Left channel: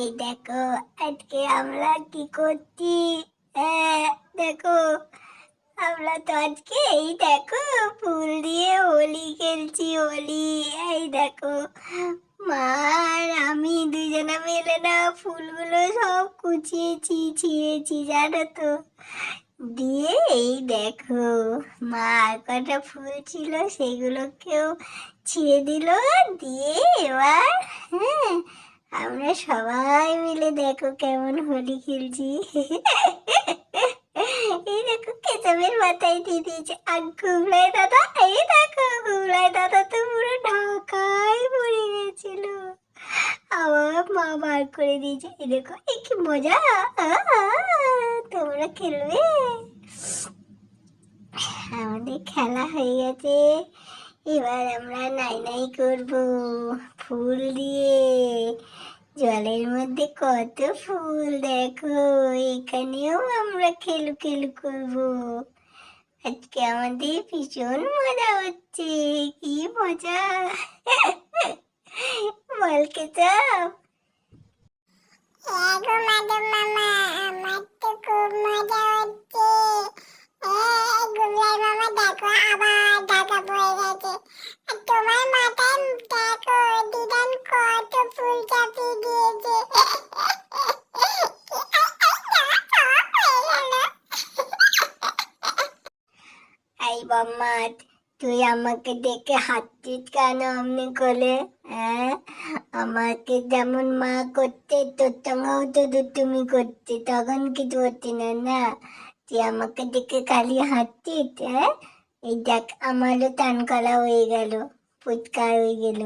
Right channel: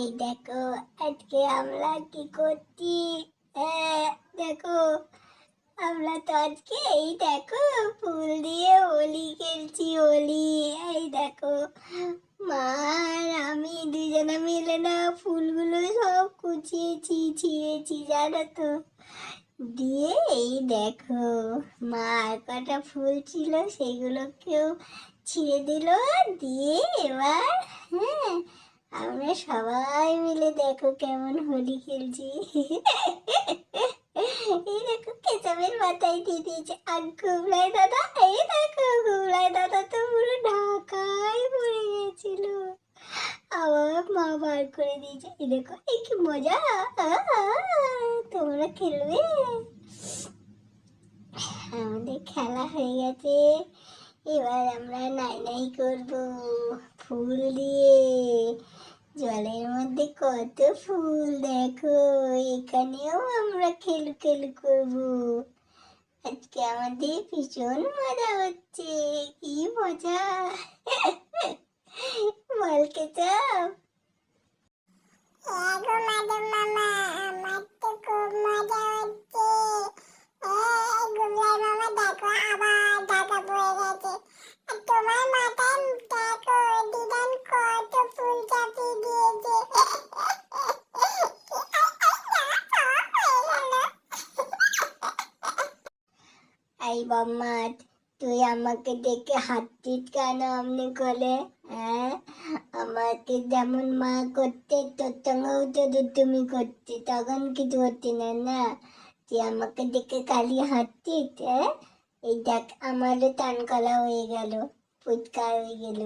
এই দেখো আজকে আমরা কি করছি। দেখো আমরা তো আজকে এই দেখো ফুল দিয়ে হোলি খেলছি। হোলি এই দেখো মা আর আমি দুজনে মিলে না ফুলগুলো সব কুচিয়েছি ছিঁড়েছি জানো তো। দিয়ে এই দেখো মা আর কটা ফুল ছিল সেগুলোকেও ছিঁড়ে দিল। দিয়ে এবার হ্যাঁ আমরা সবাই মিলে দেখো কেমন হোলি খেলছি। এই দেখো কেচাপের মাথায় দিয়ে দিয়েছে। আর গুবলাই দাদা এই দেখো গুবলাই দাদা তো পুরো ঢাকায় পড়ে গেছিল। আবার মা বার করে দিয়েছে। এই দেখো এই কি মজা। তোমরা খেলবে। আমাদের খেলা হয়ে গেছে। এবার আমরা নাই নাই করবো ফুল দিয়ে। জলের মধ্যে কত ফুল দেখো। এখানেও আমরা খেলু খেলু করবো। আজকে আমাদের ভীষণ মজা হচ্ছে। কি মজা। বল কেচাপ। গো মাধব মামা, আমার তো খুব মজা হচ্ছে। গুবলাই মামা দেখো আবার ঢাকা পড়ে গেছে। আর তোমার মাথায় দেখো দিদান কত ফুল চাপিয়ে দিয়েছে। এই বম্মাত তুই আমাকে দেখে হাঁটছিস কেন অমনি করে? আমাকে যেমন মা করতে তোর সঙ্গেও তো দুষ্টুমি করতে, তখন কিছু হচ্ছে না না। তুই আমাকে দেখে খালি হাঁটছিস। এই দেখ আমারও টান করা হয়ে গেল, ফুচকা হয়ে গেল।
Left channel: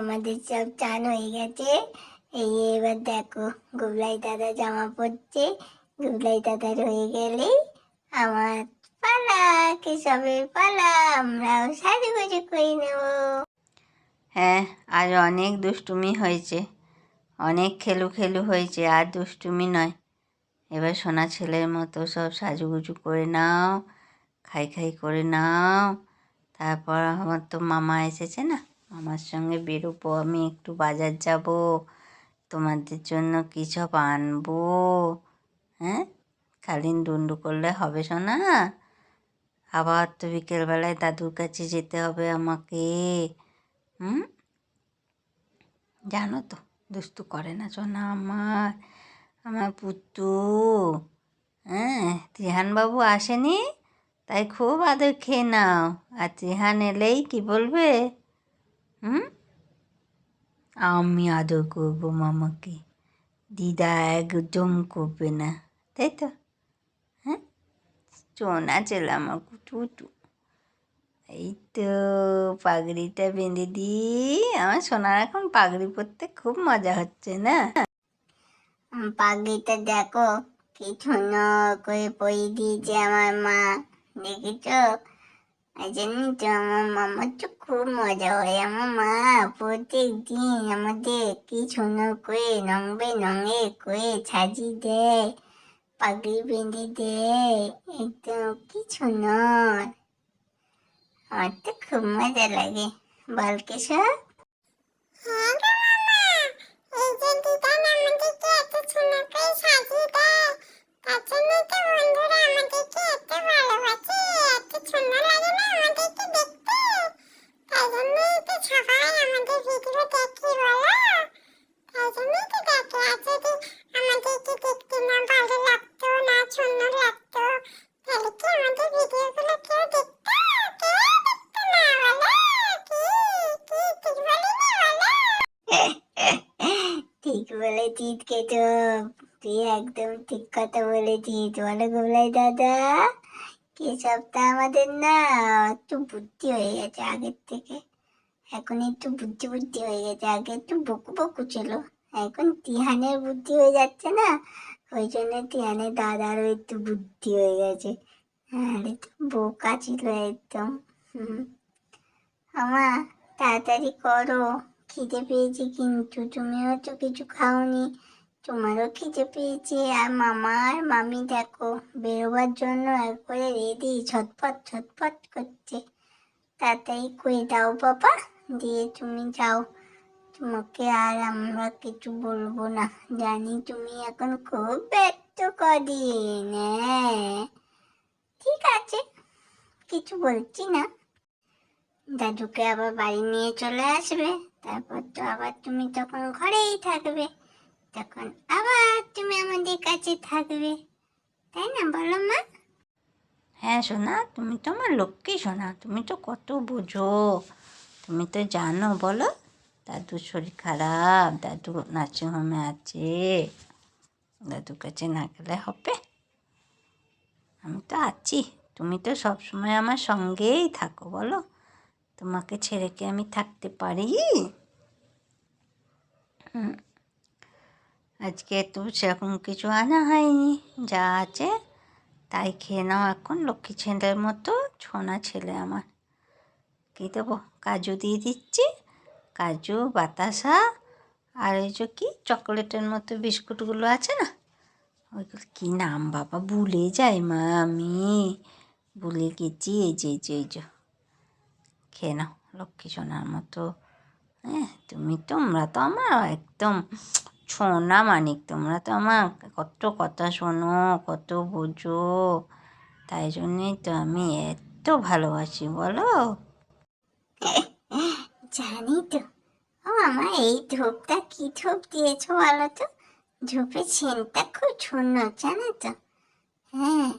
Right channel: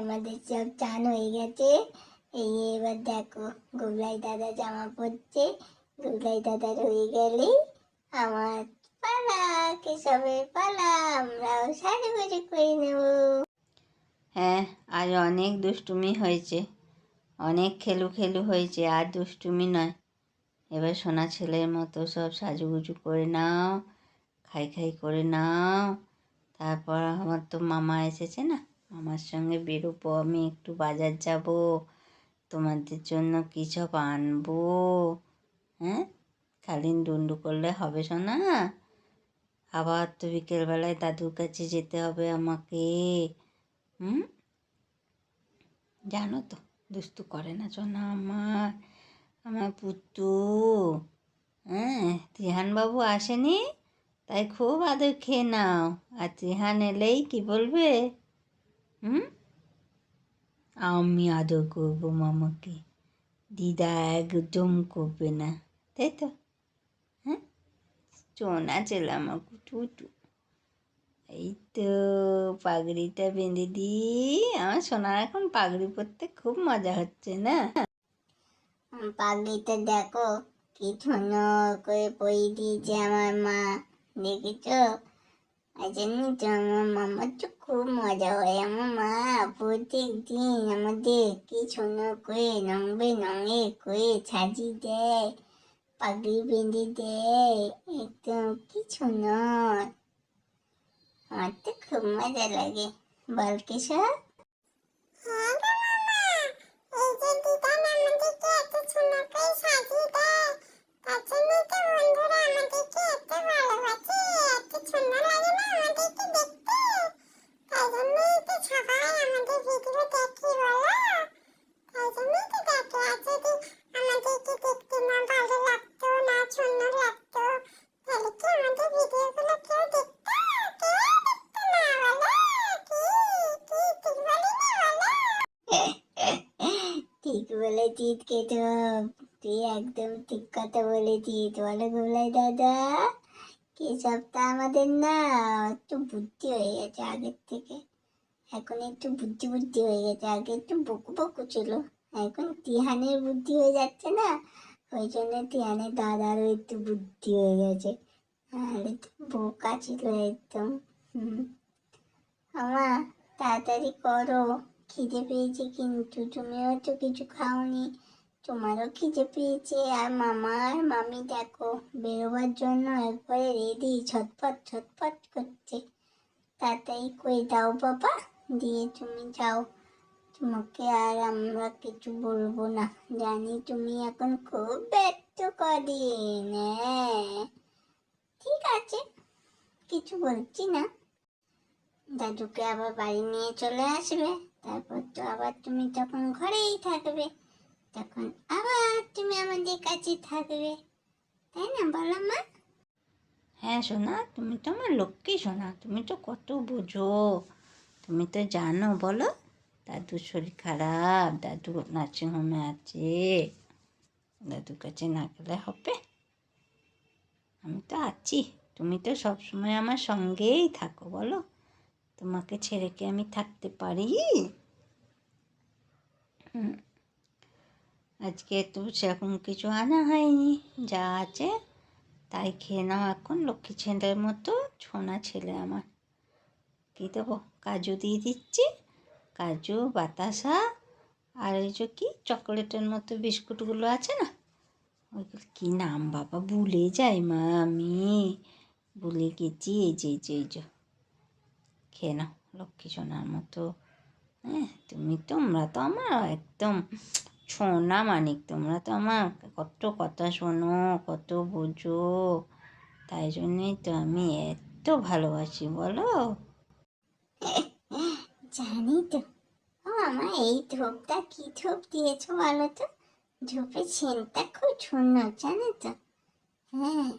আমাদের সব চান হয়ে গেছে। এই এবার দেখো গুবলাই দাদা জামা পরছে। গুবলাই দাদার হয়ে গেলে আমার পালা, কেশবের পালা। আমরাও সাজুগুজু করে নেব। হ্যাঁ, আজ অনেক দুষ্টুমি হয়েছে, অনেক খেলু খেলু হয়েছে। আর দুষ্টুমি নয়, এবার সোনা ছেলের মতো সব সাজুগুজু করে নাও, খাই খাই করে নাও। তারপর আমার তো মামা এসেছে না, মামার সঙ্গে বেরোবো। আমি একটু বাজার যাব, তোমাদের জন্য কী সব আনবো। হ্যাঁ, খালি ডুন্ডু করলে হবে সোনা। আবার তো বিকেলবেলায় দাদুর কাছে যেতে হবে আমাকে। জানো তো দুষ্টু করে না সোনা আমার, আমার পুত্তু। ত্রিহানবাবু আসেনি, তাই খুব আদর খেয়ে নাও। আর ত্রিহান এলেই কি বলবে? আমি আদর করবো মামাকে, দিদা একদম করবে না, তাই তো? হ্যাঁ, সোনা ছেলে আমার কুটু। এই তো পাগড়িটা বেঁধে দিই। আমার সোনার এখন পাগড়ি পরতে খুব মজা হচ্ছে না? পাগড়িটা দেখো কি সুন্দর করে পরিয়ে দিয়েছে আমার মা, দেখেছো? এই জন্যই তো আমার মামার তো খুব মজা হয়। আমার মা প্রত্যেক দিন আমাদের কি সুন্দর করে রং বেরঙের করে সাজিয়ে দেয়, পাগড়ি বেঁধে দেয়। একদম কি সুন্দর। আমার তো খুব মজা লাগে। বল কেশব। হ্যাঁ গো মামা, এই যে দিদান আমাদেরকে এত সুন্দর করে সাজিয়ে দেয়, তার জন্যই তো বন্ধুরা আমাদেরকে এত ভালোবাসে। এত সুন্দর লাগে না আমাদেরকে দেখতে, তাই জন্যই তো সবাই আমাদের ভিডিও দেখে বলো। তাই জন্যই তো দেখে। আর যদি আমাদেরকে দেখতে না ভালো লাগতো, না সুন্দর লাগতো, তাহলে কি আমাদের ভিডিওগুলো কেউ দেখতো? কেউ দেখতো না বলো। কি কি ঠিক বলি না বলো? ঠিক বলেছিস কেশব, তুই একদম ঠিক কথা বলেছিস। বলো গুবলাই দাদা। কেশবটা আমাদের না একটু বুদ্ধি হয়ে গেছে আগের থেকে। এখন একটু বুদ্ধি বুদ্ধি হয়ে গেছে। আগে একটু বকু বকু ছিল, এখন টিহানের বুদ্ধি হয়ে যাচ্ছে না, ওই জন্য টিহানের দাদারও একটু বুদ্ধি হয়ে গেছে। আর একটু বোকা ছিল একদম। আমা তাড়াতাড়ি করো, খিদে পেয়েছে কিন্তু। তুমিও তো কিছু খাওনি, তোমারও খিদে পেয়েছে। আর মামা আর মামি দেখো বেরোবার জন্য একবারে রেডি, ছটফট ছটফট করছে। তাড়াতাড়ি করে দাও বাবা, দিয়ে তুমি যাও, তোমাকে আর আমরা কিছু বলবো না, জানি তুমি এখন খুব ব্যস্ত কদিন। হ্যাঁ ঠিক আছে, কিছু বলছি না। দাদুকে আবার বাড়ি নিয়ে চলে আসবে, তারপর তো আবার তুমি তখন ঘরেই থাকবে, তখন আবার তুমি আমাদের কাছে থাকবে, তাই না বলো মা? হ্যাঁ সোনা, তুমি তো আমার লক্ষ্মী সোনা, তুমি তো কত বোঝো। তুমি তো জানো বলো, দাদুর শরীর খারাপ, দাদু নার্সিংহোমে আছে, দাদুর কাছে না গেলে হবে? আমি তো আছি, তুমি তো সবসময় আমার সঙ্গেই থাকো বলো, তোমাকে ছেড়ে কি আমি থাকতে পারি? আজকে তো সেরকম কিছু আনা হয়নি, যা আছে তাই খেয়ে নাও এখন লক্ষ্মী ছেলের মতো, ছোনা ছেলে আমার। কী দেবো, কাজু দিয়ে দিচ্ছি, কাজু বাতাসা, আর এই যে কি চকোলেটের মতো বিস্কুটগুলো আছে না, ওইগুলো কী নাম বাবা ভুলে যাই মা, আমি ভুলে গেছি। এই যে খেয়ে নাও লক্ষ্মী সোনার মতো। হ্যাঁ তোমরা তো আমার একদম সোনা মানিক, তোমরা তো আমার কত কথা শোনো, কত বোঝো, তাই জন্যই তো আমি এত ভালোবাসি বলো। জানি তো। ও আমার এই ধূপটা কি ধূপ দিয়েছো বলো তো? ধূপের সেন্টটা খুব সুন্দর জানো তো। হ্যাঁ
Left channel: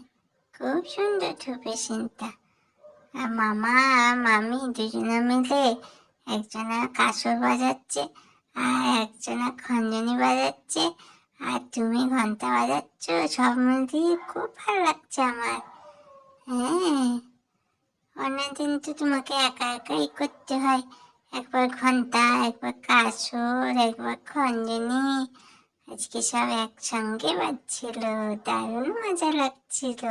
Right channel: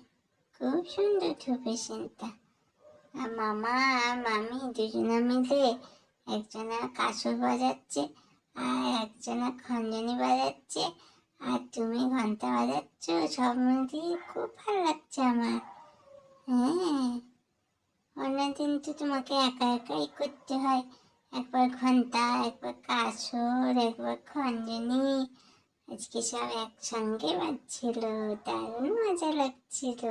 খুব সুন্দর ধূপের সেন্টটা। আর মামা আর মামি দুজনে মিলে একজনা কাঁসর বাজাচ্ছে, আর একজনা খঞ্জনি বাজাচ্ছে, আর তুমি ঘন্টা বাজাচ্ছ, সব মিলিয়ে খুব ভালো লাগছে আমার। হ্যাঁ অন্যদিন তো তোমাকে একা একাই করতে হয়, একবার ঘন্টা, একবার কাঁসর, একবার খঞ্জনি, আজকে সব একসঙ্গে বাজছিল, দারুণ মজা লাগছিল,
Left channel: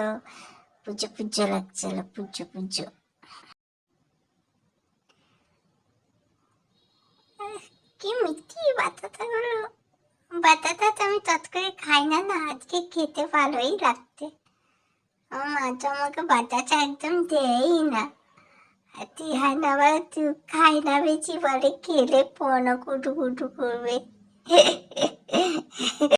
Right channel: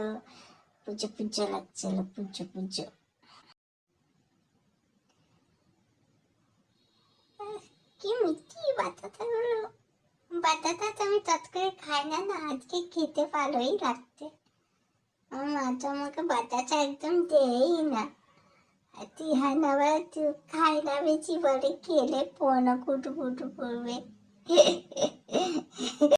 পুজো পুজো লাগছিল, পুজো পুজো। কি মিষ্টি বাতাসাগুলো, বাতাসা তো আমি তৎ করে খাই না, না আজকে খেতে ভালোই লাগছে। আমার মা তো আমাকে বাতাসা একদম দেয়ই না, আর তিহান আবার খাই না বেশি, বলে খেলে পনো কুটু কুটু করবে।